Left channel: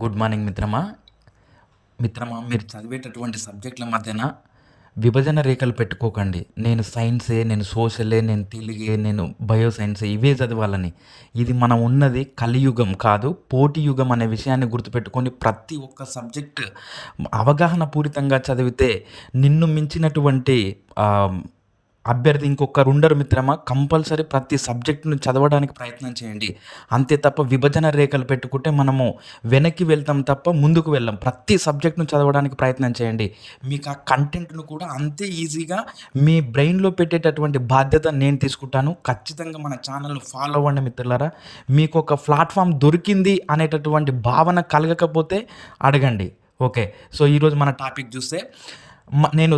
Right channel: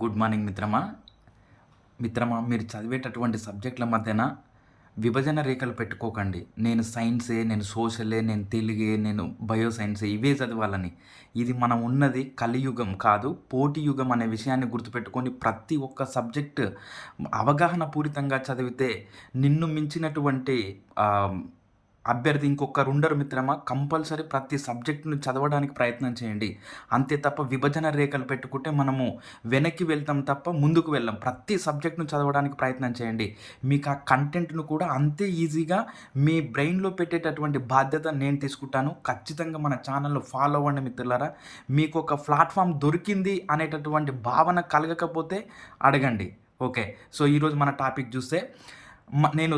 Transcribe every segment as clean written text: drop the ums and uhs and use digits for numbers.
Good morning మిత్రమా మీరు చదివేటటువంటి సబ్జెక్టుల మధ్యన విభజన రేఖలు పెట్టుకోకండి. నేను సైన్సే, నేను సోషలే, నేను తెలుగే, నేను బయో సైన్సే ఇవే చదవాలని. ఇది మనం ఉన్నది కలియుగం కాదు, పోటీ యుగం అనే విషయాన్ని గుర్తుపెట్టుకొని ప్రతి ఒక్క సబ్జెక్ట్ అవగాహన పూరితంగా చదివితే నిన్ను మించినటువంటి అభ్యర్థి ఇంకొకరుండరు మిత్రమా. కంపల్సరీ ప్రతి సబ్జెక్ట్‌ని చదవడానికి ప్రయత్నం చేయండి. అంతే తప్ప విభజన రేఖలు పెట్టుకుంటే మనము వెనక్కి వెళ్తాం తప్ప ముందుకు వెళ్ళం. ప్రతి సబ్జెక్ట్‌ను చదవడానికి ప్రయత్నం చేయండి. మీకు ఆ కంటెంట్‌ను కూడా అంతే ఈజీగా మీ బ్రెయిన్‌లో పెట్టేటటువంటి బాధ్యత నేను తీసుకుంటాను. ఖచ్చితంగా మన ఛానల్‌ను ఫాలో అవ్వండి మిత్రులారా. మీకొక ప్లాట్‌ఫార్మ్ దొరికింది అనేటటువంటి భావన కలగకపోతే అడగండి. ఓకే. సో, ఈరోజు మన టాపిక్ చూస్తే నేను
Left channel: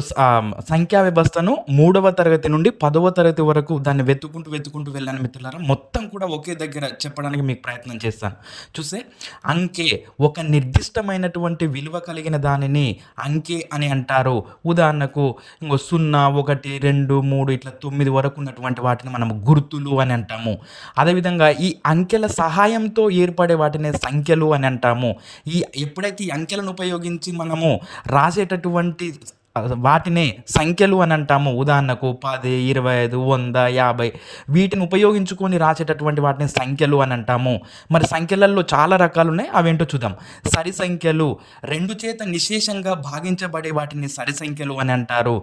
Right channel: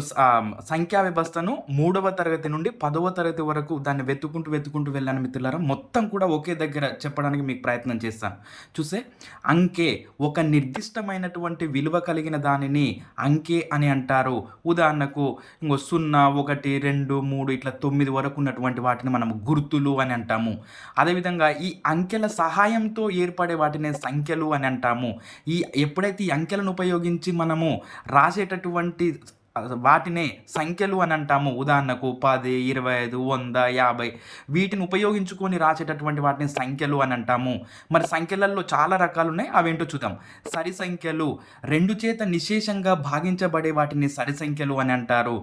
సంఖ్యా వ్యవస్థను 3వ తరగతి నుండి 10వ తరగతి వరకు దాన్ని వెతుక్కుంటూ వెళ్ళాను మిత్రులారా. మొత్తం కూడా ఒకే దగ్గర చెప్పడానికి మీకు ప్రయత్నం చేస్తాను. చూస్తే అంకె ఒక నిర్దిష్టమైనటువంటి విలువ కలిగిన దానిని అంకె అని అంటారు. ఉదాహరణకు 0, 1, 2, 3 ఇట్లా 9 వరకు ఉన్నటువంటి వాటిని మనం గుర్తులు అని అంటాము. అదేవిధంగా ఈ అంకెల సహాయంతో ఏర్పడే వాటిని సంఖ్యలు అని అంటాము. ఎప్పుడైతే ఈ అంకెలను ఉపయోగించి మనము రాసేటటువంటి వాటినే సంఖ్యలు అని అంటాము. ఉదాహరణకు 10, 25, 100, 50 వీటిని ఉపయోగించుకొని రాసేటటువంటి వాటిని సంఖ్యలు అని అంటాము. మరి సంఖ్యలలో చాలా రకాలు ఉన్నాయి, అవేంటో చూద్దాం. సరి సంఖ్యలు 2 చేత నిశేషంగా భాగించబడే వాటిని సరి సంఖ్యలు అని అంటారు.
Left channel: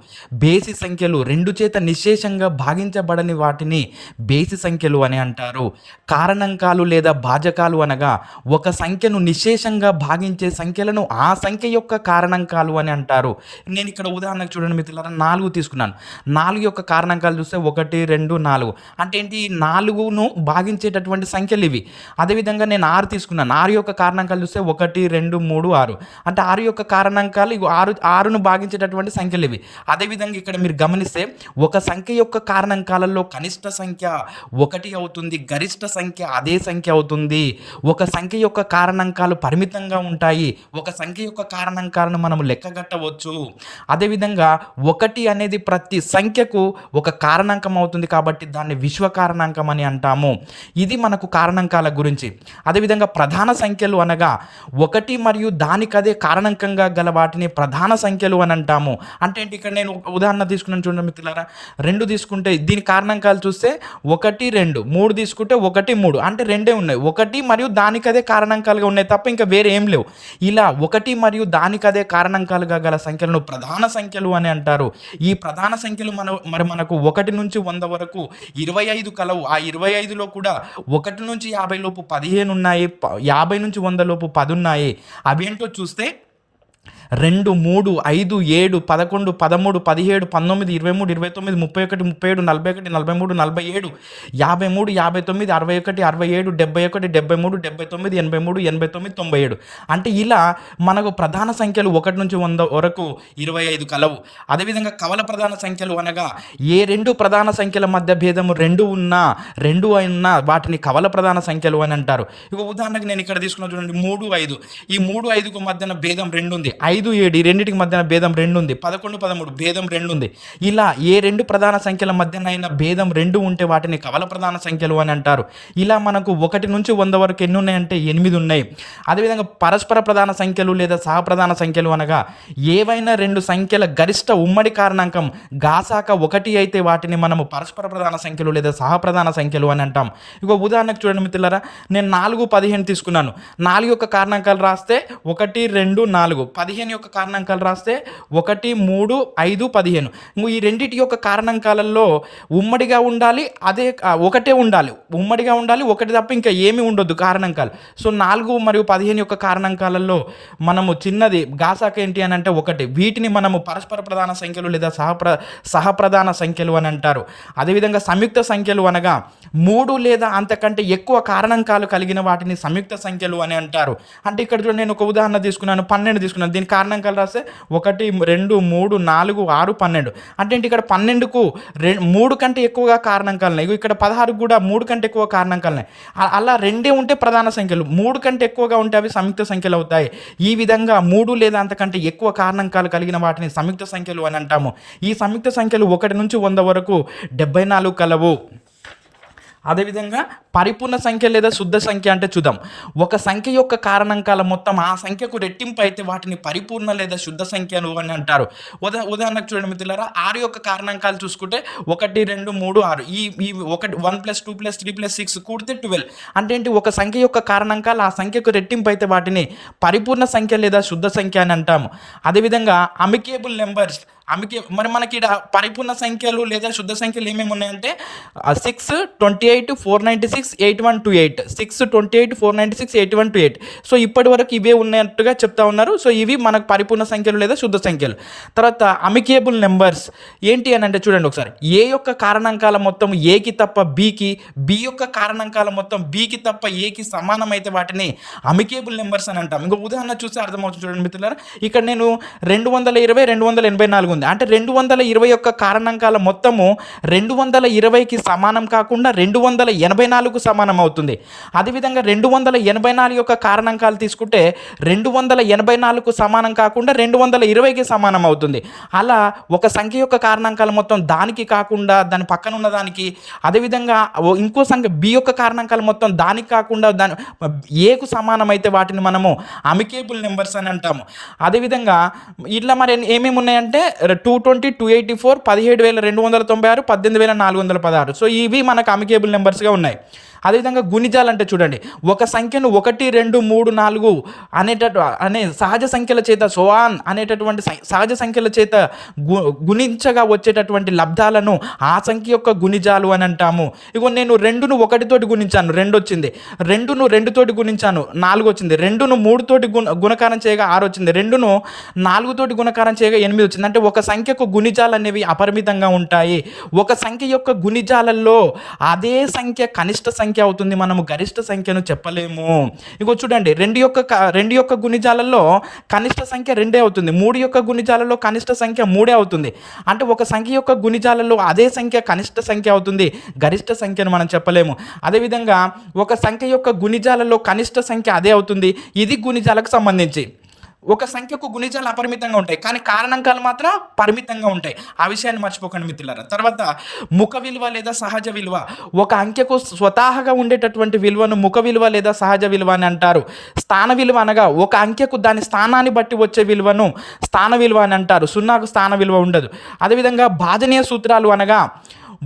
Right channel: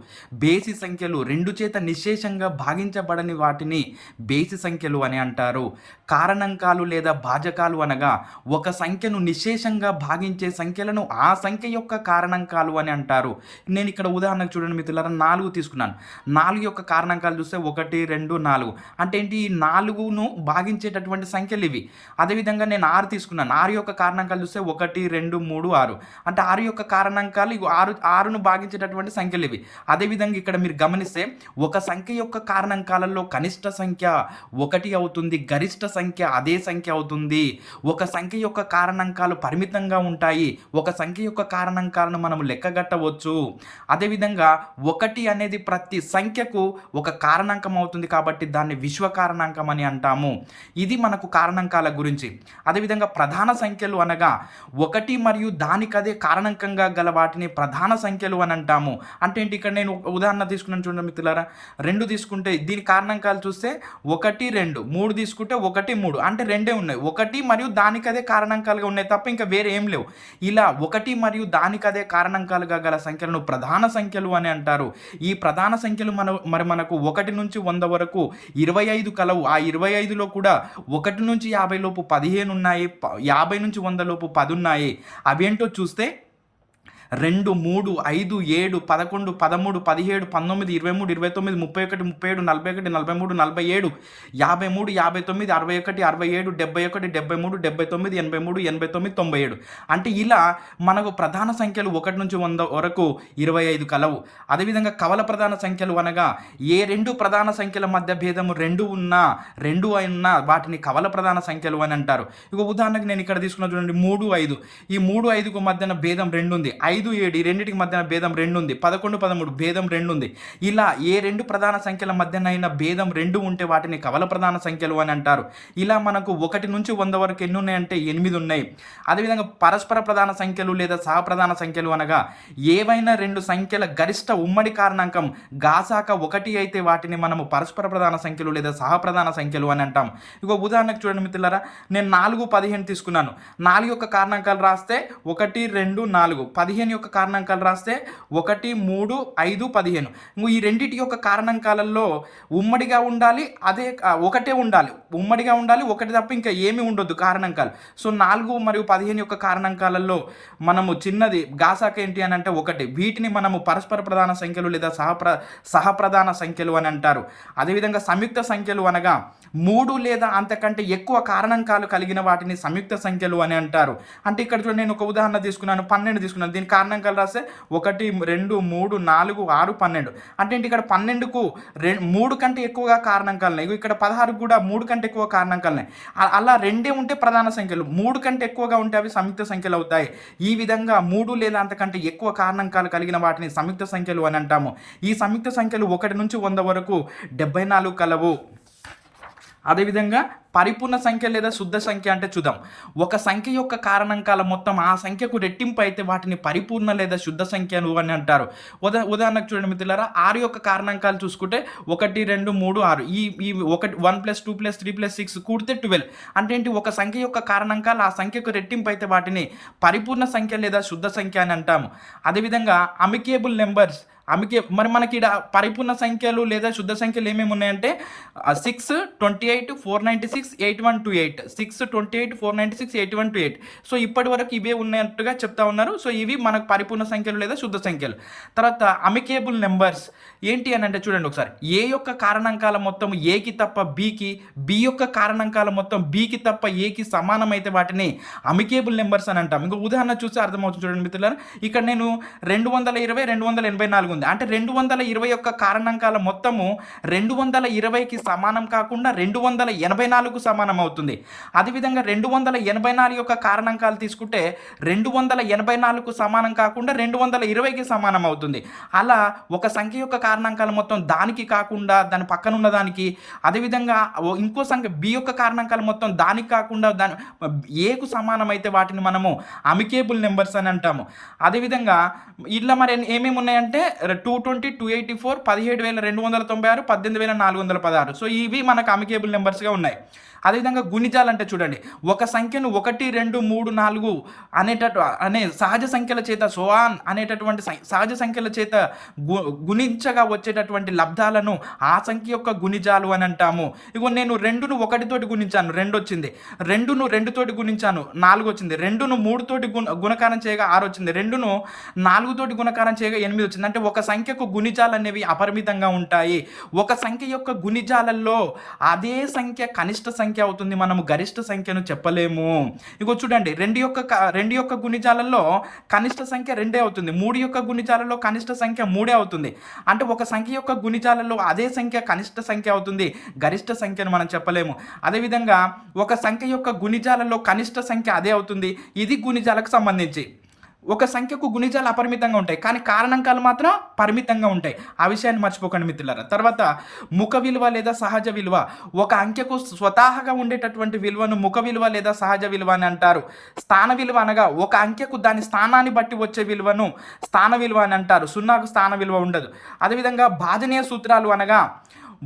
బేసి సంఖ్యలు 2 చేత నిశేషంగా భాగించబడని వాటిని బేసి సంఖ్యలు అని అంటారు. కారణాంకాలు లేదా భాజకాలు అనగా ఒక సంఖ్యను నిశేషంగా భాగించే సంఖ్యలను ఆ సంఖ్య యొక్క కారణాంకాలు అని అంటారు. నేను ఇక్కడ ఉదాహరణకు చూడండి మిత్రులారా, 4 తీసుకున్నాను. 4 యొక్క కారణాంకాలు చూస్తే 1, 2, 4 అంటే ఏంటి? ఈ 4ను భాగించేటటువంటి సంఖ్యలు ఇవి. అదేవిధంగా నేను 6 తీసుకున్నాను. 6 యొక్క కారణాంకాలు చూస్తే 1, 2, 3, 6 అంటే 6 యొక్క కారణాంకాలు ఇగో 6ను భాగించేటటువంటి సంఖ్యలు ఇవి. అదేవిధంగా ఇక్కడ మీరు గమనిస్తే ఒక సంఖ్య యొక్క కారణాంకాలలో కనిష్ట సంఖ్య 1 అవుతుంది, గరిష్ట సంఖ్య అదే సంఖ్య అవుతుంది. ఒక సంఖ్య యొక్క కారణాంకాలు పరిమితంగా ఉంటాయి, ఒక సంఖ్య యొక్క కారణాంకాలను మనం లెక్కగట్టవచ్చు. అదేవిధంగా 1 అనేది ప్రతి సంఖ్యకు ఒక కారణాంకం అవుతుంది కాబట్టి దాన్ని విశ్వ కారణాంకం అని అంటాము. ఇది మనకు కారణాంకాల గురించి. అదేవిధంగా ప్రధాన సంఖ్యలు అనగా 1 మరియు దానికదే కారణాంకంగా గల వాటిని ప్రధాన సంఖ్యలు అని అంటాము. అంటే ఏంటి? ఇక్కడ నేను ఉదాహరణ తీసుకున్నాను చూడండి మిత్రులారా. 2 తీసుకుంటే దీని కారణాంకాలు చూస్తే 1, 2, 3 తీసుకుంటే 1, 3 అంటే 2 ఉన్నాయి. 1 మరియు దానికదే కారణాంకాలుగా ఉన్నాయి తప్ప ఇంకా వేరే ఏం లేవు. ఇలా 1 మరియు దానికదే కారణాంకాలుగా గల సంఖ్యలను ప్రధాన సంఖ్యలు అని అంటారు. ఈ ప్రధాన సంఖ్యలు మనకు 1 నుంచి 100 వరకు 25 కలవు. ఆ 25లో కూడా 1 నుంచి 50 లోపు 15 ఉన్నాయి, 50 నుంచి 100 లోపు 10 ఉన్నాయి. అవేంటో చూస్తే 2, 3, 5, 7, 11, 13, 17, 19, 23, 29, 31, 37, 41, 43, 47, 53, 59, 61, 67, 71, 73, 79, 83, 89, 97 అంటే ఇలా మనకు ప్రధాన సంఖ్యలు 1 నుంచి 100 వరకు 25 కలవు. అదేవిధంగా కవల ప్రధాన సంఖ్యలు అనగా ఏ 2 ప్రధాన సంఖ్యల మధ్య భేదము 2 ఉన్నా వాటిని కవల ప్రధాన సంఖ్యలు అని అంటారు. ఇక ఉదాహరణకు నేను ఇక్కడ తీసుకున్న చూడండి 3, 5 ఈ 3, 5కు మధ్యన భేదం 2 ఉంది. 5, 7 ఈ రెండింటికి మధ్యన భేదం 2 ఉంది. 11, 13 భేదం 2 ఉంది. ఇలా ఏ 2 ప్రధాన సంఖ్యల మధ్యనైనా భేదం 2 ఉంటే వాటిని కవల ప్రధాన సంఖ్యలు అని అంటారు. ఇలా మనకు 1 నుంచి 100 వరకు ఎన్ని ఉన్నాయంటే 8 ఉన్నాయి. అదేవిధంగా పరస్పర ప్రధాన సంఖ్యలు లేదా సహప్రధాన సంఖ్యలు అనగా ఏవైనా 2 సంఖ్యల గరిష్ట ఉమ్మడి కారణాంకం గాసాక 1 అయితే వాటిని మనము పరస్పర ప్రధాన సంఖ్యలు లేదా సహప్రధాన సంఖ్యలు అని అంటాం. ఇక ఉదాహరణకు చూడండి మిత్రులారా, నేను 4, 15 తీసుకున్నాను. 4 యొక్క కారణాంకాలు రాస్తే 1, 2, 4. 15 యొక్క కారణాంకాలు రాస్తే 1, 3, 5, 15. ఈ రెండింటి యొక్క కారణాంకాలలో ఉమ్మడిగా ఉండాలి, అదే ఒకటే ఉండాలి. ఉమ్మడిగా ఉండాలి, ఒకటి తప్ప ఇంకా ఏమీ ఉండొద్దు కారణాంకాలు. సో 4 మరియు 15 యొక్క కారణాంకాలలో మనము చిన్నది గాసాక ఏంటి అని అంటే 1. వీటిని మనము పరస్పర ప్రధాన సంఖ్యలు లేదా సహప్రధాన సంఖ్యలు అని అంటారు. అదేవిధంగా సంయుక్త సంఖ్యలు అనగా 3 లేదా అంతకంటే ఎక్కువ కారణాంకాలు కలిగిన వాటిని సంయుక్త సంఖ్యలు అని అంటారు. అంటే ఇక్కడ చూడండి, నేను ఒక ఉదాహరణ తీసుకున్నాను, 12 తీసుకున్నాను. దీని కారణాంకాలు రాస్తే 1, 2, 3, 4, 6, 12 అంటే ఏంటి? ఇక్కడ 12కు 3 కంటే ఎక్కువగా కారణాంకాలు ఉన్నాయి. ఇక్కడ 16 కూడా 3 కంటే ఎక్కువ కారణాంకాలు ఉన్నాయి. అలా 2 ఉంటే ప్రధాన సంఖ్యలు, 3 కంటే ఎక్కువగా ఉంటే అవి సంయుక్త సంఖ్యలు అవుతాయి. ఈ విధంగా 3 లేదా అంతకంటే ఎక్కువ కారణాంకాలు కలిగిన వాటిని సంయుక్త సంఖ్యలు అని అంటాము. ఈ సంయుక్త సంఖ్యలు 1 నుంచి 100 వరకు 74 కలవు. అదేవిధంగా పరిపూర్ణ సంఖ్య లేదా శుద్ధ సంఖ్య అంటే చూద్దాం. ఒక సంఖ్య యొక్క కారణాంకాల మొత్తం ఆ సంఖ్యకు రెట్టింపు అయితే వాటిని పరిపూర్ణ లేదా శుద్ధ సంఖ్యలు అని అంటారు. ఉదాహరణకు చూడండి మిత్రులారా, 6 యొక్క కారణాంకాలు చూసుకుంటే 1, 2, 3, 6 ఈ 1 + 2 + 3 + 6 కూడితే 12. అంటే ఏంటి, ఒక సంఖ్య యొక్క కారణాంకాలు ఆ సంఖ్యకు రెట్టింపు అయితే వాటిని పరిపూర్ణ సంఖ్య లేదా శుద్ధ సంఖ్య అని అంటాము. అదేవిధంగా అమికేబుల్ నెంబర్స్ మరి మనకి ఈడ పరిపూర్ణ సంఖ్యలు లేదా శుద్ధ సంఖ్యలు ఏమేమి ఉన్నాయంటే 6, 28, 496, 8128, 6, 28, 496, 8128. సో ఇప్పటి వరకు ఇవే ఉన్నట్టుగా చెప్తా ఉన్నారు. సో ఇవి మనకు పరిపూర్ణ సంఖ్యలు లేదా శుద్ధ సంఖ్యలు. తర్వాత అమికేబుల్ నెంబర్స్ ఏంటి అని అంటే చూడండి ఒకసారి, ఏ యొక్క కారణాంకాల మొత్తం ఏకి తప్ప బీకి, బి యొక్క కారణాంకాల మొత్తం బీకి తప్ప ఏకి సమానమైతే వాటిని అమికేబుల్ నెంబర్స్ అని అంటాం. ఇంకో ఉదాహరణ చూస్తే అర్థమవుతుంది చూడండి మిత్రులారా. ఇక్కడ నేను 220, 284 ఉంది. అంటే 220 యొక్క కారణాంకాల మొత్తము 220కి సమానం కాకుండా 284కు సమానం అవుతుంది. అదేవిధంగా 284 యొక్క కారణాంకాలు తీసుకుంటే 284కు సమానం కాకుండా 220కి సమానం అవుతుంది. అలా ఒక సంఖ్య యొక్క కారణాంకాల మొత్తం దానికి కాకుండా దాని పక్కన ఉన్న దానికి, అదేవిధంగా ఇంకో సంఖ్య బి యొక్క కారణాంకాల మొత్తం దానికి కాకుండా దాని ఏకు సమానమైతే వాటిని మనము అమికేబుల్ నెంబర్స్ అని అంటాము. అదేవిధంగా ఇట్లా మరి ఏమేమి ఉన్నాయంటే 220, 284, 17,296, 18,416. సో ఇవి మనకు అమికేబుల్ నెంబర్స్గా ఉన్నాయి. అదేవిధంగా గుణిజాలు అంటే చూడండి, ఒక సంఖ్యను 1, 2, 3, 4 అనే సహజ సంఖ్యల చేత అనేటటువంటి సహజ సంఖ్యల చేత గుణించగా వచ్చేటటువంటి లబ్ధాలను ఆ సంఖ్య యొక్క గుణిజాలు అని అంటాము. ఇగో నేను 2ను 1 తోటి గుణించాను, 2 వచ్చింది. 2ను 2 తోటి గుణించాను, 4 వచ్చింది. 2ను 3 తోటి గుణకారం చేయగా 6 వచ్చింది. 2ను 4 తోటి గుణకారం చేయగా 8 వచ్చింది. అంటే ఒక సంఖ్యకు గుణిజాలు అనేవి అపరిమితంగా ఉంటాయి. ఒక సంఖ్య యొక్క గుణిజాలలో అదే సంఖ్య కనిష్ట సంఖ్య అవుతుంది, మనము గరిష్ట సంఖ్యను చెప్పలేము. ఇంకో చూడండి, 2 యొక్క గుణిజాలలో కనిష్ట సంఖ్య 2 అవుతుంది. 3 యొక్క గుణిజాలలో కనిష్ట సంఖ్య 3 అవుతుంది. అంటే ఒక సంఖ్య యొక్క గుణిజాలలో అదే సంఖ్య కనిష్ట సంఖ్య అవుతుంది, గరిష్ట సంఖ్యను మనం చెప్పలేము. అదేవిధంగా ఒక సంఖ్య యొక్క గుణిజాలలో కనిష్ట సంఖ్య అదే అవుతుంది. ఇది గుణిజాలకు సంబంధించి. ఒక సంఖ్యకు గుణిజాలు అపరిమితంగా ఉంటాయి, కానీ కారణాంకాలు మాత్రం పరిమితంగా ఉంటాయి. ఆ విషయాన్ని మర్చిపోకండి మిత్రులారా. తర్వాత ముఖ విలువ లేదా సహజ విలువ. ఒక అంకెకు స్వతహాగా ఉండేటటువంటి విలువను ముఖ విలువ లేదా సహజ విలువ అని అంటారు. స్థాన విలువ అనగా ఒక అంకెకు దాని స్థానాన్ని బట్టి వచ్చే విలువను స్థాన విలువ అని అంటారు. 0కు స్థాన విలువ ఉండదు. అదేవిధంగా భాజనీయ సూత్రాలు అనగా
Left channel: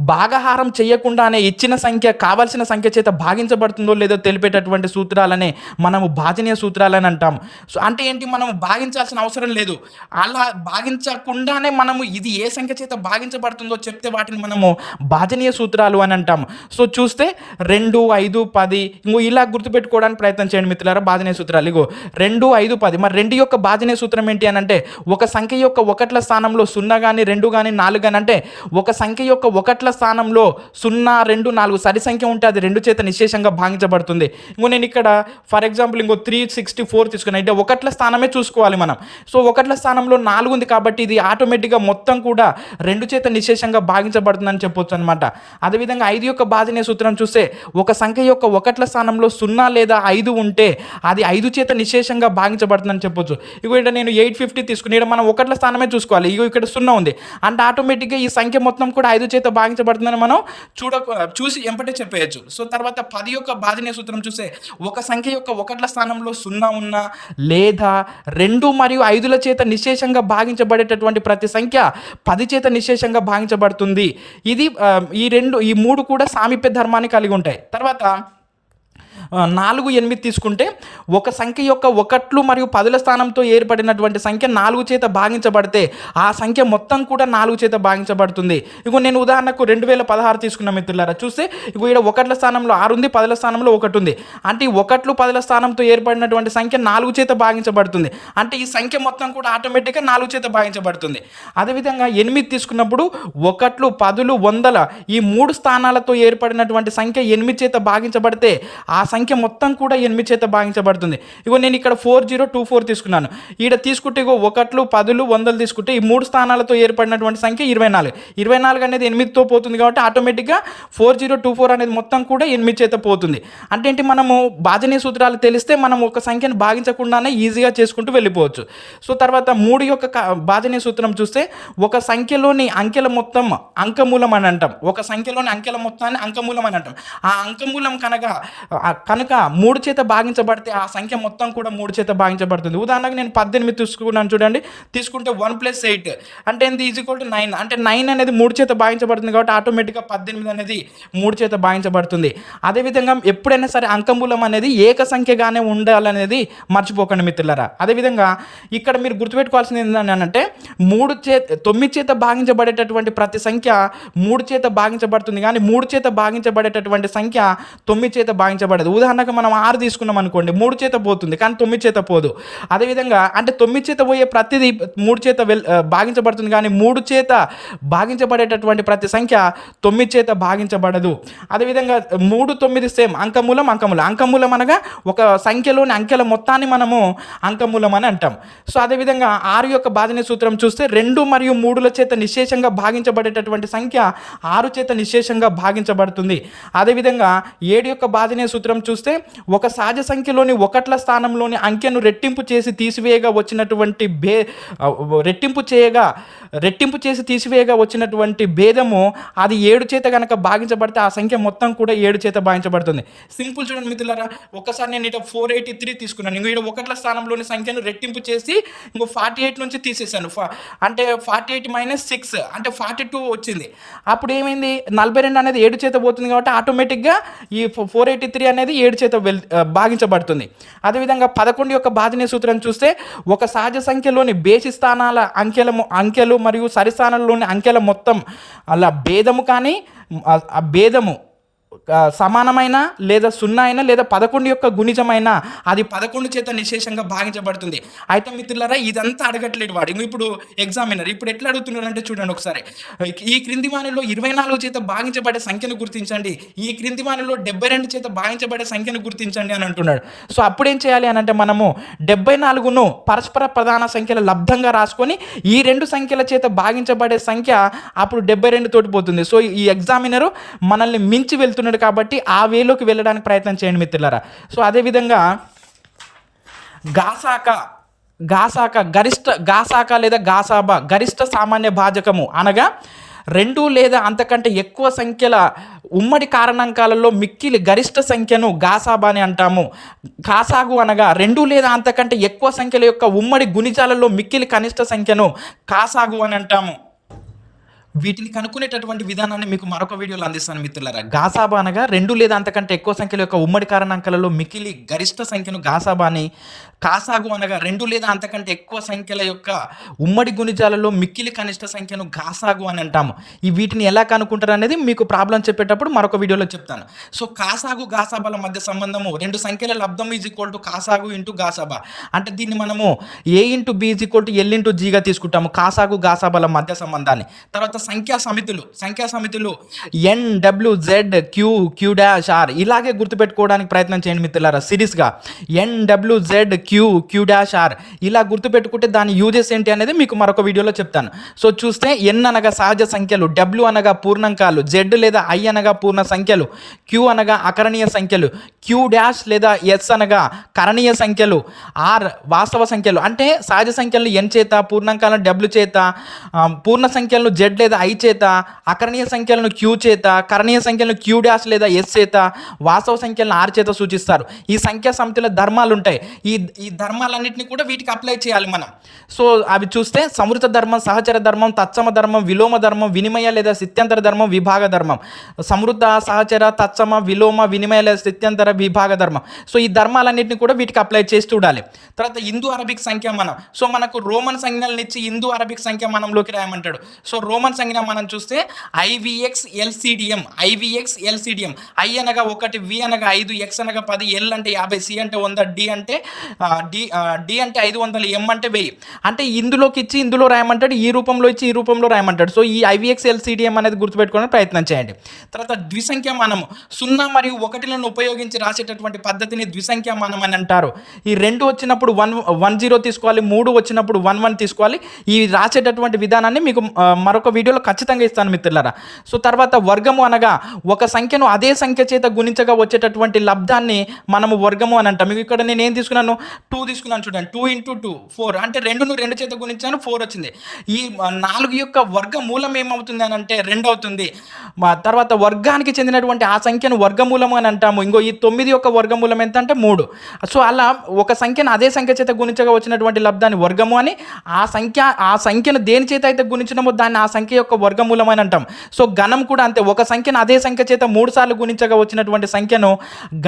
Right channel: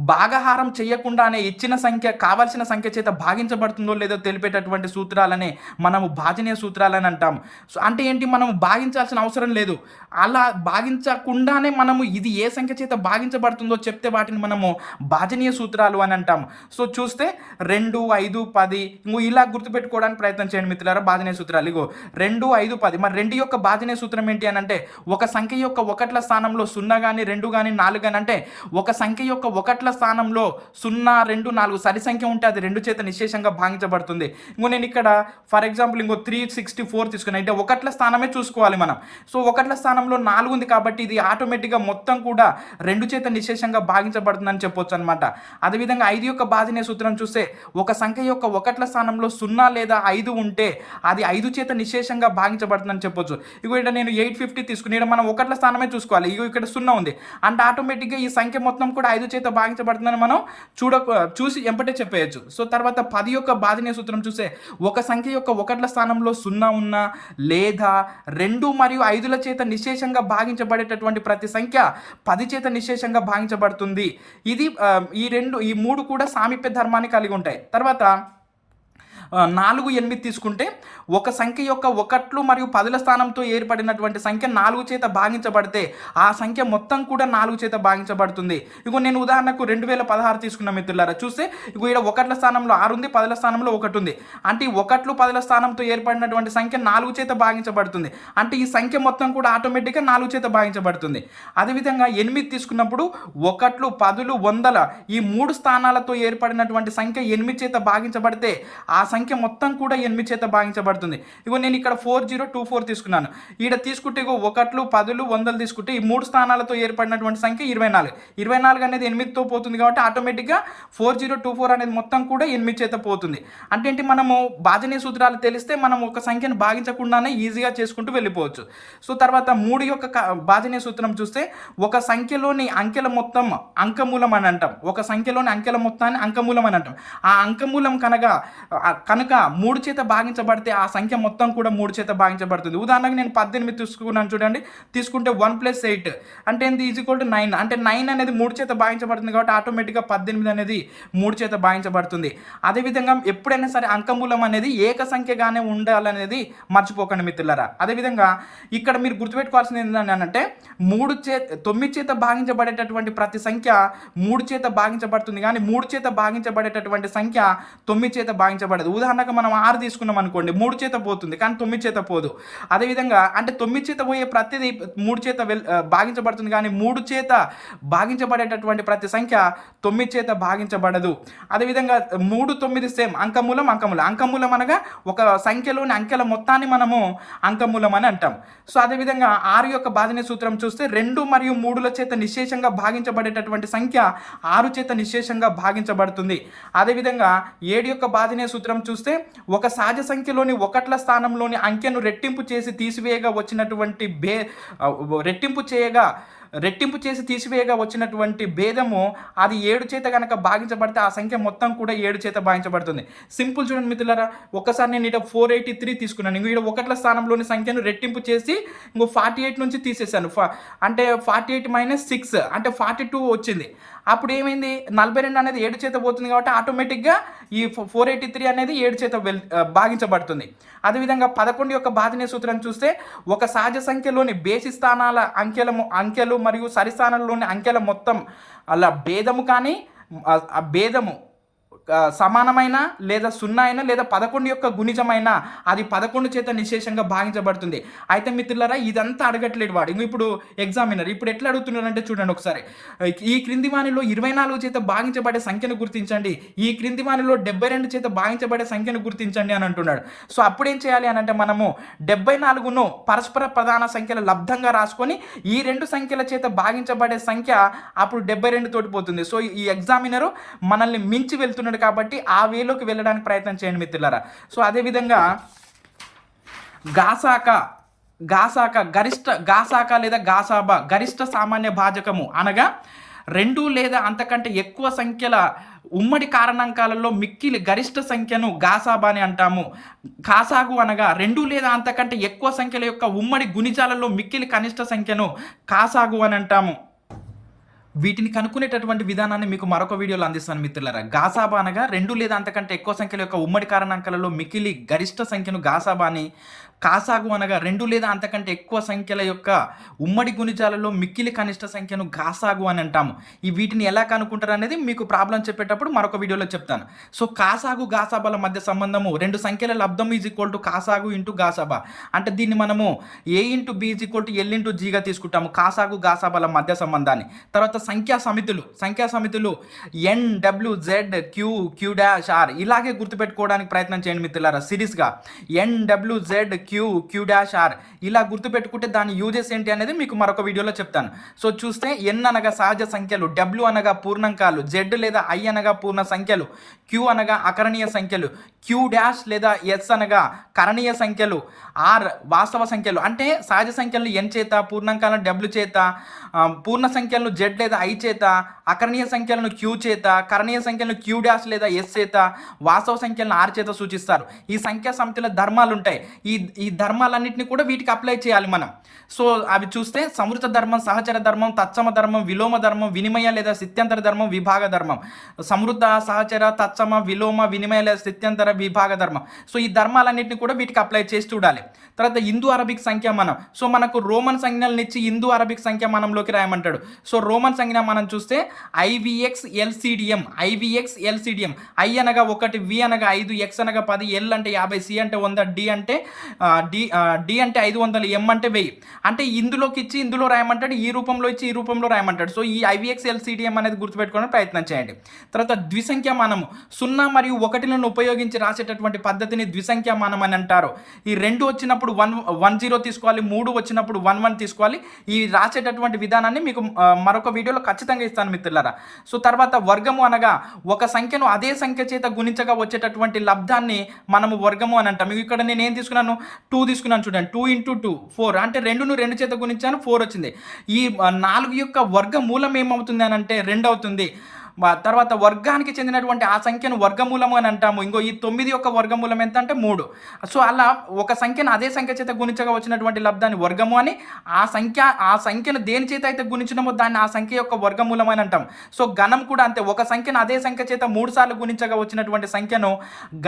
భాగహారం చేయకుండానే ఇచ్చిన సంఖ్య కావలసిన సంఖ్య చేత భాగించబడుతుందో లేదో తెలిపేటటువంటి సూత్రాలనే మనము భాజనీయ సూత్రాలని అంటాము. సో అంటే ఏంటి, మనము భాగించాల్సిన అవసరం లేదు, అలా భాగించకుండానే మనము ఇది ఏ సంఖ్య చేత భాగించబడుతుందో చెప్తే వాటిని మనము భాజనీయ సూత్రాలు అని అంటాము. సో చూస్తే 2, 5, 10 ఇంకో ఇలా గుర్తుపెట్టుకోవడానికి ప్రయత్నం చేయండి మిత్రులారా. భాజనీయ సూత్రాలు ఇగో 2, 5, 10. మరి 2 యొక్క భాజనీయ సూత్రం ఏంటి అని అంటే, ఒక సంఖ్య యొక్క 1ల స్థానంలో 0 కానీ 2 కానీ 4 కానీ, అంటే ఒక సంఖ్య యొక్క 1ల స్థానంలో 0, 2, 4 సరి సంఖ్య ఉంటే అది 2 చేత నిశ్శేషంగా భాగించబడుతుంది. ఇంకో నేను ఇక్కడ ఫర్ ఎగ్జాంపుల్ ఇంకో 364 తీసుకున్నా, అంటే 1ల స్థానమే చూసుకోవాలి మనం. సో 1ల స్థానంలో 4 ఉంది కాబట్టి ఇది ఆటోమేటిక్గా మొత్తం కూడా 2 చేత నిశ్శేషంగా భాగించబడుతుందని చెప్పొచ్చు అనమాట. అదేవిధంగా 5 యొక్క భాజనీయ సూత్రం చూస్తే, ఒక సంఖ్య యొక్క 1ల స్థానంలో 0 లేదా 5 ఉంటే అది 5 చేత నిశ్శేషంగా భాగించబడుతుందని చెప్పొచ్చు. ఇగో ఇక్కడ నేను 850 తీసుకుని ఇక్కడ మనం 1ల స్థానమే చూసుకోవాలి. ఇగో ఇక్కడ 0 ఉంది అంటే ఆటోమేటిక్గా ఈ సంఖ్య మొత్తం కూడా 5 చేత భాగించబడుతుందని మనం చూసి ఎంపటే చెప్పేయచ్చు. సో తర్వాత 10 యొక్క భాజనీయ సూత్రం చూస్తే, ఒక సంఖ్య యొక్క 1ల స్థానంలో 0 ఉన్నా లేదా 2 మరియు 5ల చేత నిశ్శేషంగా భాగించబడేటటువంటి ప్రతి సంఖ్య 10 చేత నిశ్శేషంగా భాగించబడుతుంది. ఇది ఈ 3 కూడా సామీప్య ధర్మాన్ని కలిగి ఉంటాయి. తర్వాత 4, 8 తీసుకుంటే, ఒక సంఖ్య యొక్క 1 మరియు 10ల స్థానంతో ఏర్పడినటువంటి సంఖ్య 4 చేత భాగించబడితే ఆ సంఖ్య మొత్తం కూడా 4 చేత భాగించబడుతుంది. ఇగో నేను ఉదాహరణకు 2016 తీసుకున్న మిత్రులారా. చూస్తే ఇగో ఇక్కడ 1ల స్థానంలో 6 ఉంది, 10ల స్థానంలో 1 ఉంది. అంటే ఈ 1, 10ల స్థానంతో ఏర్పడినటువంటి సంఖ్య 4 చేత భాగించబడుతుంది. అంటే ఈ సంఖ్య మొత్తం కూడా ఆటోమేటిక్గా 4 చేత భాగించబడుతుంది. అదేవిధంగా 8 తీసుకున్నప్పుడు 1, 10, 100 ఈ 3 స్థానాలతో ఏర్పడినటువంటి సంఖ్య 8 చేత భాగించబడితే ఆ సంఖ్య సంఖ్య మొత్తం కూడా 8 చేత భాగించబడుతుంది. ఇగో నేను ఇక్కడ 4024 తీసుకున్నాను. ఈడ తీసుకుంటే ఇగో 1లు 10లు 100లు తీసుకుంటే ఈ 3 స్థానాలతో ఏర్పడినటువంటి సంఖ్య 24. 24 అనేది 8తో పోతుంది కాబట్టి ఆటోమేటిక్గా 4024 అనేది మొత్తం కూడా 8 చేత పోతుంది. అంటే ఏంటి, మనము భాజనీయ సూత్రాలు తెలిస్తే మనం ఒక సంఖ్యను భాగించకుండానే ఈజీగా చేసుకుంటూ వెళ్ళిపోవచ్చు. సో తర్వాత 3 యొక్క భాజనీయ సూత్రం చూస్తే ఒక సంఖ్యలోని అంకెల మొత్తం అంకమూలం అని అంటాం. ఒక సంఖ్యలోని అంకెల మొత్తాన్ని అంకమూలం అని అంటాం. ఆ అంకమూలం కనుక 3 చేత భాగించబడితే ఆ సంఖ్య మొత్తం కూడా 3 చేత భాగించబడుతుంది. ఉదాహరణకు నేను 18 తీసుకున్నాను చూడండి. తీసుకుంటే 1 + 8 అంటే ఏంది = 9. అంటే 9 అనేది 3 చేత భాగించబడుతుంది కాబట్టి ఆటోమేటిక్గా 18 అనేది 3 చేత భాగించబడుతుంది. అదేవిధంగా ఎప్పుడైనా సరే అంకమూలం అనేది ఏక సంఖ్యగానే ఉండాలనేది మర్చిపోకండి మిత్రులారా. అదేవిధంగా ఇక్కడ మీరు గుర్తుపెట్టుకోవాల్సింది ఏంటంటే 9 చేత భాగించబడేటటువంటి ప్రతి సంఖ్య 3 చేత భాగించబడుతుంది, కానీ 3 చేత భాగించబడేటటువంటి సంఖ్య 9 చేత భాగించబడదు. ఉదాహరణకు మనం 6 తీసుకున్నాం అనుకోండి, 3 చేత పోతుంది కానీ 9 చేత పోదు. అదేవిధంగా అంటే 9 చేత పోయే ప్రతిదీ 3 చేత భాగించబడుతుంది, కానీ 3 చేత భాగించబడేటటువంటి ప్రతి సంఖ్య 9 చేత భాగించబడదు. అదేవిధంగా 3, 9 సేమ్ అంకమూలం. అంకమూలం అనగా ఒక సంఖ్యలోని అంకెల మొత్తాన్ని మనము అంకమూలం అని అంటాం. సో అదేవిధంగా 6 యొక్క భాజనీయ సూత్రం చూస్తే 2 మరియు 3ల చేత నిశ్శేషంగా భాగించబడేటటువంటి సంఖ్య 6 చేత నిశ్శేషంగా భాగించబడుతుంది. అదేవిధంగా 7 యొక్క భాజనీయ సూత్రం చూస్తే ఒక సహజ సంఖ్యలోని 1ల స్థానంలోని అంకెను రెట్టింపు చేసి తీసివేయగా వచ్చినటువంటి భేదము అది 7 చేత కనుక భాగించబడితే ఆ సంఖ్య మొత్తం కూడా 7 చేత భాగించబడుతుంది. సింపుల్ చూడండి మిత్రులారా, ఒక్కసారి నేను ఇట 483 తీసుకున్నాను. ఇంకో ఇక్కడ 1ల స్థానంలోని సంఖ్యను రెట్టింపు చేసి ఇంకో 48 నుంచి తీసేసాను. అంటే 48 - 6 అంటే 42 వచ్చింది. అప్పుడు ఏమైంది, 42 అనేది 7 చేత పోతుంది కాబట్టి ఆటోమేటిక్గా ఈ 483 అనేది 7 చేత భాగించబడుతుంది. అదేవిధంగా 11 యొక్క భాజనీయ సూత్రం చూస్తే ఒక సహజ సంఖ్యలోని బేసి స్థానాల అంకెలు మరియు సరి స్థానంలోని అంకెల మొత్తం అలా భేదము కానీ ఆ భేదము సమానమైన లేదా 0 అయినా లేదా 11 యొక్క గుణిజమైన అది 11 చేత నిశేషంగా భాగించబడుతుంది. అయితే మిత్రులారా ఇదంతా అడగట్లేడు వాడు. ఇప్పుడు ఎగ్జామినర్ ఇప్పుడు ఎట్లా అడుగుతున్నాడంటే చూడండి ఒకసారి, ఈ క్రింది వానిలో 24 చేత భాగించబడే సంఖ్యను గుర్తించండి, ఈ క్రింది వానిలో 72 చేత భాగించబడే సంఖ్యను గుర్తించండి అని అంటున్నాడు. సో అప్పుడేం చేయాలి అని అంటే మనము 74ను పరస్పర ప్రధాన సంఖ్యల లబ్ధంగా రాసుకొని ఈ 2 సంఖ్యల చేత భాగించబడే సంఖ్య అప్పుడు 72 తోటి పోతుంది. సో ఈ ఎగ్జామినరు మనల్ని మించి వెళ్తున్నాడు కాబట్టి ఆ వేలోకి వెళ్ళడానికి ప్రయత్నం చేయండి మిత్రులారా. సో అదేవిధంగా గాసాక లేదా గాసాబా గరిష్ట సామాన్య భాజకము అనగా 2 లేదా అంతకంటే ఎక్కువ సంఖ్యల ఉమ్మడి కారణాంకాలలో మిక్కిలి గరిష్ట సంఖ్యను గాసాబా అని అంటాము. కాసాగు అనగా 2 లేదా అంతకంటే ఎక్కువ సంఖ్యల యొక్క ఉమ్మడి గుణిజాలలో మిక్కిలి కనిష్ట సంఖ్యను కాసాగు అని అంటాము. వీటిని కనుక్కునేటటువంటి విధానాన్ని మీకు మరొక వీడియోలో అందిస్తాను మిత్రులారా. గాసాబా అనగా 2 లేదా అంతకంటే ఎక్కువ సంఖ్యల యొక్క ఉమ్మడి కారణాంకాలలో మిక్కిలి గరిష్ట సంఖ్యను గాసాబా అని, కాసాగు అనగా 2 లేదా అంతకంటే ఎక్కువ సంఖ్యల యొక్క ఉమ్మడి గుణిజాలలో మిక్కిలి కనిష్ట సంఖ్యను గాసాగు అని అంటాము. ఈ వీటిని ఎలా కనుక్కుంటారు అనేది మీకు ప్రాబ్లం చెప్పేటప్పుడు మరొక వీడియోలో చెప్తాను. సో కాసాగు గాసాబాల మధ్య సంబంధము 2 సంఖ్యల లబ్ధం = కాసాగు × గాసాబా. అంటే దీన్ని మనము A × B = L × G గా తీసుకుంటాము కాసాగు గాసాబాల మధ్య సంబంధాన్ని. తర్వాత సంఖ్యా సమితులు NWZQQ'R ఇలాగే గుర్తుపెట్టుకోవడానికి ప్రయత్నం చేయండి మిత్రులారా. సిరీస్గా NWZQQ'R ఇలా గుర్తుపెట్టుకుంటే దాని యూజెస్ ఏంటి అనేది మీకు మరొక వీడియోలో చెప్తాను. సో చూస్తే N అనగా సహజ సంఖ్యలు, W అనగా పూర్ణాంకాలు, Z లేదా I అనగా పూర్ణ సంఖ్యలు, Q అనగా అకరణీయ సంఖ్యలు, Q' లేదా S అనగా కరణీయ సంఖ్యలు, R వాస్తవ సంఖ్యలు. అంటే సహజ సంఖ్యలను N చేత, పూర్ణాంకాలను W చేత, పూర్ణ సంఖ్యలను Z లేదా I చేత, అకరణీయ సంఖ్యలను Q చేత, కరణీయ సంఖ్యలను Q' లేదా S చేత, వాస్తవ సంఖ్యలను R చేత సూచిస్తారు. ఈ సంఖ్యా సమితుల ధర్మాలు ఉంటాయి. ఈ ధర్మాలన్నింటినీ కూడా వీటికి అప్లై చేయాలి మనం. సో అవి చూస్తే సమృత ధర్మం, సహచర ధర్మం, తత్సమ ధర్మం, విలోమ ధర్మం, వినిమయ లేదా స్థిత్యంతర ధర్మం, విభాగ ధర్మం. సమృద్ధ, సహచర, తత్సమ, విలోమ, వినిమయ లేదా స్థిత్యంతర, విభాగ ధర్మం. సో ఈ ధర్మాలన్నింటినీ కూడా వీటికి అప్లై చేసి చూడాలి. తర్వాత ఇందు అరబిక్ సంఖ్యామానం. సో మనకు రోమన్ సంజ్ఞలను ఇచ్చి ఇందు అరబిక్ సంఖ్యామానంలోకి రాయమంటాడు. సో రోమన్ సంజ్ఞ మనం చూస్తే ఐవిఎక్స్ ఎల్సిడిఎం. ఐ అనగా 1, వి అనగా 5, ఎక్స్ అనగా 10, ఎల్ అంటే 50, సి అంటే 100, డి అంటే 500, ఎం అంటే 1000. అంటే ఇందులోకి ఇచ్చి ఇందులో రాయమంటాడు, ఈ రూపంలో ఇచ్చి ఈ రూపంలో రాయమంటాడు. సో ఈ ఐవిఎక్స్ ఎల్సిడిఎం అనేది గుర్తుపెట్టుకోవడానికి ప్రయత్నం చేయండి. తర్వాత ద్విసంఖ్యామానము 0 మరియు 1లను ఉపయోగించి రాసేటటువంటి పద్ధతిని ద్విసంఖ్యామానం అని అంటారు. ఈ 2 వచ్చినప్పుడు 10 తీసుకోవాలి, 3 వచ్చినప్పుడు 11 తీసుకోవాలి. ఈ రాసేటటువంటి విధానాన్ని మీకు మరొక వీడియోలో ఖచ్చితంగా ఇస్తాను మిత్రులారా. సో తర్వాత వర్గము అనగా ఒక సంఖ్యను అదే సంఖ్య చేత గుణించగా వచ్చేటటువంటి లబ్ధాన్ని మనము వర్గము అని అంటాం. మీకు ఇక్కడ నేను ఏం తీసుకున్నాను, 2 తీసుకున్నాను చూడండి. 2 × 2 4 అంటే 2ను 2 చేత గుణించాను, 4 వచ్చింది. ఈ 4 యొక్క వర్గమూలం ఏమవుతుంది అని అంటే 2 అవుతుంది. తర్వాత వర్గానికి చెందినటువంటి ఆ సంఖ్యను వర్గమూలం అని అంటాము. ఇంకో ఈ 9 యొక్క వర్గమూలం ఎంత అంటే 3. సో అలా ఒక సంఖ్యను అదే సంఖ్య చేత గుణించగా వచ్చినటువంటి లబ్ధాన్ని వర్గము అని, ఆ సంఖ్యను దేని చేత అయితే గుణించినమో దాన్ని ఆ సంఖ్య యొక్క వర్గమూలం అని అంటాం. సో గణం కూడా అంతే, ఒక సంఖ్యను అదే సంఖ్య చేత 3 సార్లు గుణించగా వచ్చినటువంటి సంఖ్యను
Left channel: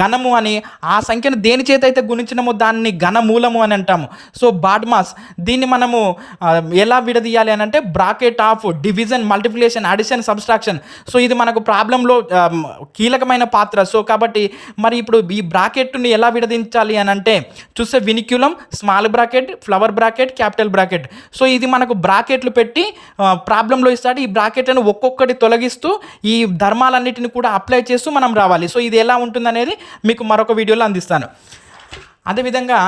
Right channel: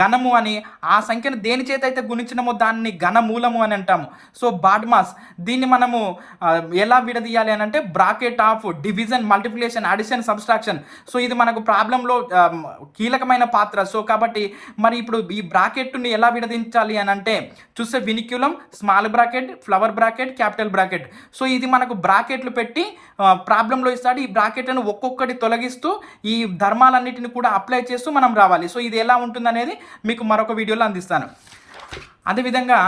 గణము అని, ఆ సంఖ్యను దేని చేత అయితే గుణించినమో దాన్ని ఘనమూలము అని అంటాము. సో బాడ్మాస్ దీన్ని మనము ఎలా విడదీయాలి అని అంటే bracket of division, multiplication, addition, subtraction. So ఇది మనకు ప్రాబ్లంలో కీలకమైన పాత్ర. సో కాబట్టి మరి ఇప్పుడు ఈ బ్రాకెట్ని ఎలా విడదించాలి అని అంటే చూస్తే vinculum, small bracket, flower bracket, capital bracket. So ఇది మనకు బ్రాకెట్లు పెట్టి ప్రాబ్లంలో ఇస్తాడు. ఈ బ్రాకెట్లను ఒక్కొక్కటి తొలగిస్తూ ఈ ధర్మాలన్నిటిని కూడా అప్లై చేస్తూ మనం రావాలి. సో ఇది ఎలా ఉంటుందనేది మీకు మరొక వీడియోలో అందిస్తాను. అదేవిధంగా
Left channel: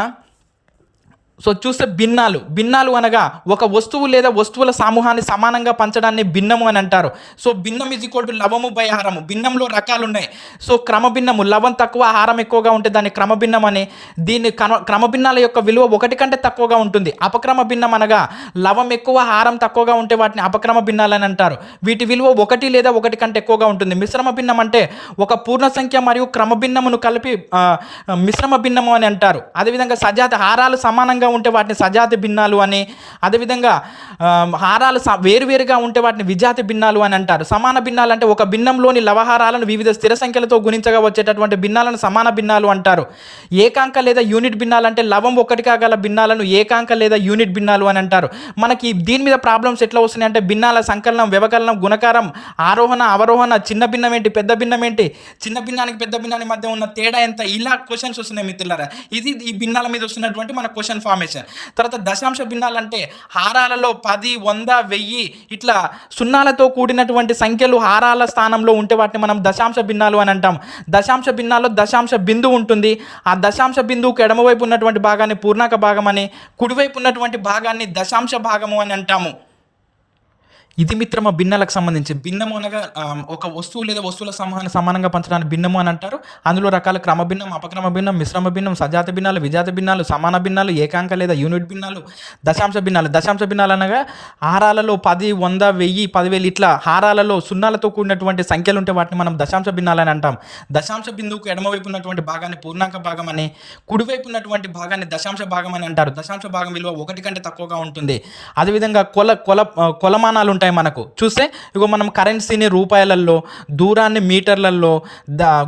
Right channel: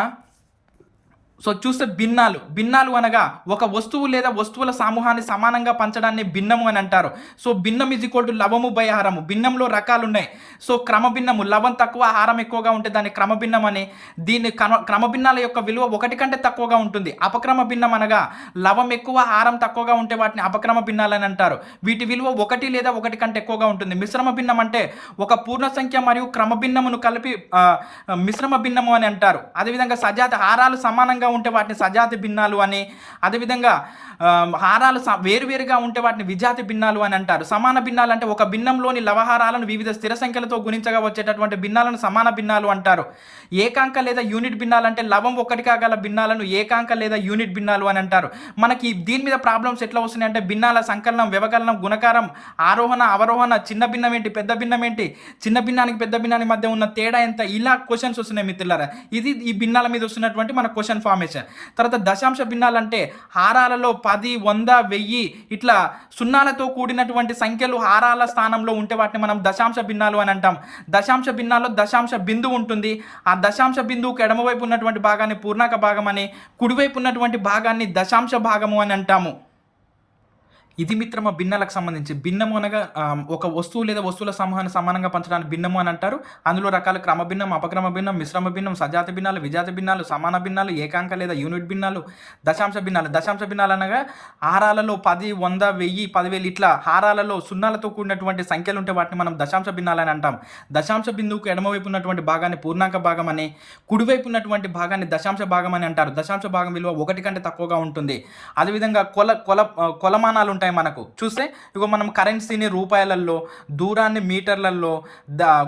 సో చూస్తే భిన్నాలు అనగా ఒక వస్తువు లేదా వస్తువుల సమూహాన్ని సమానంగా పంచడాన్ని భిన్నము అని అంటారు. సో భిన్నం = లవము బై హారము. భిన్నంలో రకాలు ఉన్నాయి. సో క్రమభిన్నము, లవం తక్కువ హారం ఎక్కువగా ఉంటే దాన్ని క్రమభిన్నం అని. దీన్ని క్రమభిన్నాల యొక్క విలువ 1 కంటే తక్కువగా ఉంటుంది. అపక్రమ భిన్నం అనగా లవం ఎక్కువ హారం తక్కువగా ఉంటే వాటిని అపక్రమ భిన్నాలని అంటారు. వీటి విలువ 1 లేదా 1 కంటే ఎక్కువగా ఉంటుంది. మిశ్రమ భిన్నం అంటే ఒక పూర్ణ సంఖ్య మరియు క్రమభిన్నమును కలిపి మిశ్రమ భిన్నము అని అంటారు. అదేవిధంగా సజాతి హారాలు సమానంగా ఉంటే వాటిని సజాతి భిన్నాలు అని, అదేవిధంగా హారాలు వేరువేరుగా ఉంటే వాటిని విజాతి భిన్నాలు అని అంటారు. సమాన భిన్నాలు అంటే ఒక భిన్నంలోని లవహారాలను వివిధ స్థిర సంఖ్యలతో గుణించగా వచ్చేటటువంటి భిన్నాలను సమాన భిన్నాలు అంటారు. ఏకాంక లేదా యూనిట్ భిన్నాలు అంటే లవం 1 కాగల భిన్నాలను ఏకాంక లేదా యూనిట్ భిన్నాలు అని అంటారు. మనకి దీని మీద ప్రాబ్లమ్స్ ఎట్లా వస్తున్నాయి అంటే భిన్నాల సంకలనం, వ్యవకలనం, గుణకారం, ఆరోహణ, అవరోహణ, చిన్న భిన్నం ఏంటి, పెద్ద భిన్నం ఏంటి, చిన్న భిన్నానికి పెద్ద భిన్నానికి మధ్య ఉన్న తేడా ఎంత, ఇలా క్వశ్చన్స్ వస్తున్నాయి మిత్రులారా. ఇది ఈ భిన్నాల మీద వస్తున్నటువంటి మన క్వశ్చన్ ఫార్మేషన్. తర్వాత దశాంశ భిన్నాలు అంటే హారాలలో 10, 100, 1000 ఇట్లా సున్నాలతో కూడినటువంటి సంఖ్యలు హారాల స్థానంలో ఉంటే వాటిని మనం దశాంశ భిన్నాలు అని అంటాం. దశాంశ భిన్నాల్లో దశాంశ బిందువు ఉంటుంది. ఆ దశాంశ బిందువుకి ఎడమవైపు ఉన్నటువంటి భాగాన్ని పూర్ణాంక భాగం అని, కుడివైపు ఉన్నటువంటి భాగాన్ని దశాంశ భాగము అని అంటాము. ఇది మిత్రమా భిన్నాలకు సంబంధించి. భిన్నము అనగా ఒక వస్తువు లేదా వస్తువుల సమూహాన్ని సమానంగా పంచడానికి భిన్నము అని అంటారు. అందులో రకాల క్రమ భిన్నం, అపక్రమ భిన్నం, మిశ్రమ భిన్నం, సజాత భిన్నాలు, విజాత భిన్నాలు, సమాన భిన్నాలు, ఏకాంక లేదా యూనిట్ భిన్నాలు, దశాంశ భిన్నాలు. దశాంశ భిన్నాలు అనగా హారాలలో 10, 100, 1000, 10,000 ఇట్లా హారాలలో సున్నాలతో కూడినటువంటి సంఖ్యలు ఉంటే వాటిని మనం దశాంశ భిన్నాలు అని అంటాం. దశాంశ బిందువుకు ఎడమవైపు ఉన్నటువంటి భాగాన్ని పూర్ణాంక భాగం అని, కుడివైపు ఉన్నటువంటి భాగాన్ని దశాంశ భాగం అని అంటారు. దశాంశ భాగం విలువ 1 కంటే తక్కువగా ఉంటుంది. అదేవిధంగా కొలమానాలు ఉంటాయి మనకు. చూస్తే ఇగో మనం కరెన్సీని రూపాయలలో, దూరాన్ని మీటర్లలో,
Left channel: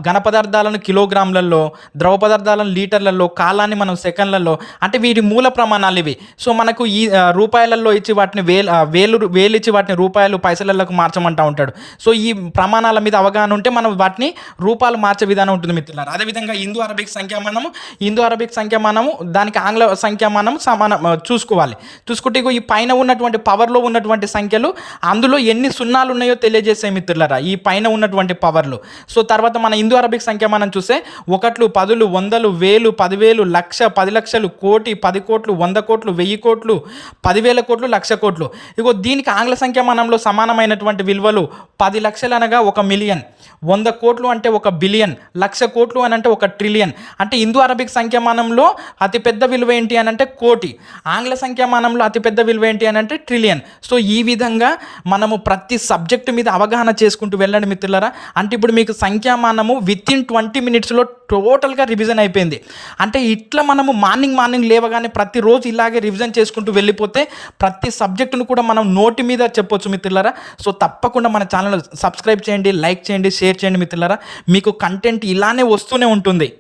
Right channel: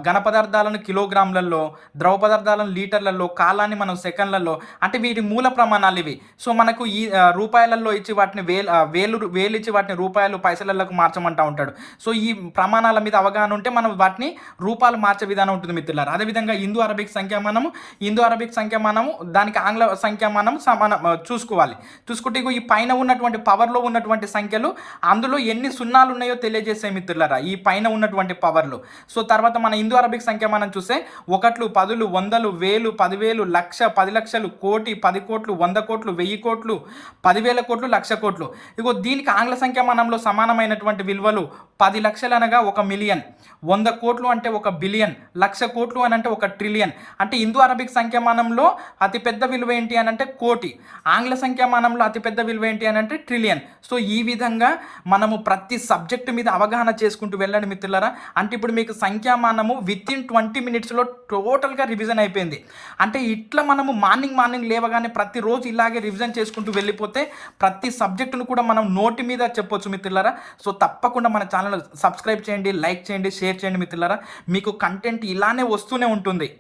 ఘన పదార్థాలను కిలోగ్రాములలో, ద్రవ పదార్థాలను లీటర్లలో, కాలాన్ని మనం సెకండ్లలో, అంటే వీటి మూల ప్రమాణాలు ఇవి. సో మనకు ఈ రూపాయలలో ఇచ్చి వాటిని వేలు ఇచ్చి వాటిని రూపాయలు, పైసలకు మార్చమంటా ఉంటాడు. సో ఈ ప్రమాణాల మీద అవగాహన ఉంటే మనం వాటిని రూపాయలు మార్చే విధానం ఉంటుంది మిత్రులారా. అదేవిధంగా ఇండో అరబిక్ సంఖ్యామానము దానికి ఆంగ్ల సంఖ్యామానం సమానం చూసుకోవాలి. చూసుకుంటే ఈ పైన ఉన్నటువంటి పవర్లో ఉన్నటువంటి సంఖ్యలు అందులో ఎన్ని సున్నాలు ఉన్నాయో తెలియజేసే మిత్రులారా ఈ పైన ఉన్నటువంటి పవర్లు. సో తర్వాత మన ఇండో అరబిక్ సంఖ్యామానం చూస్తే 1, 10, 100, 1000, 10,000, లక్ష, 10 లక్షలు, కోటి, 10 కోట్లు, 100 కోట్లు, 1000 కోట్లు, 10,000 కోట్లు, లక్ష కోట్లు. ఇగో దీనికి ఆంగ్ల సంఖ్యామానంలో సమానమైనటువంటి విలువలు 10 లక్షలు అనగా 1 మిలియన్, 100 కోట్లు అంటే 1 బిలియన్, లక్ష కోట్లు అని అంటే 1 ట్రిలియన్. అంటే ఇండో అరబిక్ సంఖ్యామానంలో అతిపెద్ద విలువ ఏంటి అని అంటే కోటి, ఆంగ్ల సంఖ్యామానంలో అతిపెద్ద విలువ ఏంటి అని అంటే ట్రిలియన్. సో ఈ విధంగా మనము ప్రతి సబ్జెక్టు మీద అవగాహన చేసుకుంటూ వెళ్ళండి మిత్రులారా. అంటే ఇప్పుడు మీకు సంఖ్యామానము వితిన్ 20 మినిట్స్లో టోటల్గా రివిజన్ అయిపోయింది. అంటే ఇట్లా మనము మార్నింగ్ లేవగానే ప్రతిరోజు ఇలాగే రివిజన్ చేసుకుంటూ వెళ్ళిపోతే ప్రతి సబ్జెక్టును కూడా మనం నోటి మీద చెప్పొచ్చు మిత్రులారా. సో తప్పకుండా మన ఛానల్ సబ్స్క్రైబ్ చేయండి, లైక్ చేయండి, షేర్ చేయండి మిత్రులారా. మీకు కంటెంట్ ఇలానే వస్తూనే ఉంటుంది.